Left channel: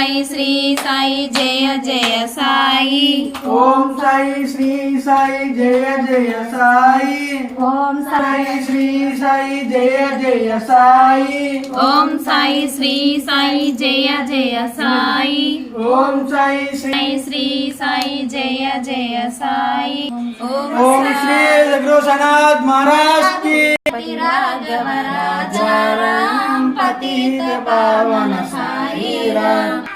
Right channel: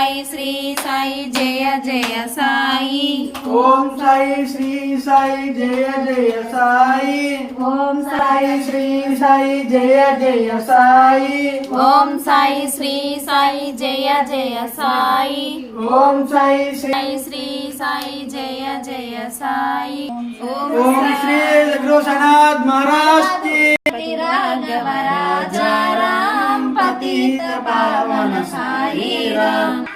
సాయి శ్రీ సాయి జయ జయ సాయి. ఓం సాయి శ్రీ సాయి జయ జయ సాయి. ఓం సాయి శ్రీ సాయి జయ జయ సాయి. ఓం సాయి శ్రీ సాయి జయ జయ సాయి. ఓం సాయి శ్రీ సాయి జయ జయ సాయి. ఓం శ్రీ జగన్నాథ్ మహారాజ్ की राघव राजा राम पतित पावन साई राम.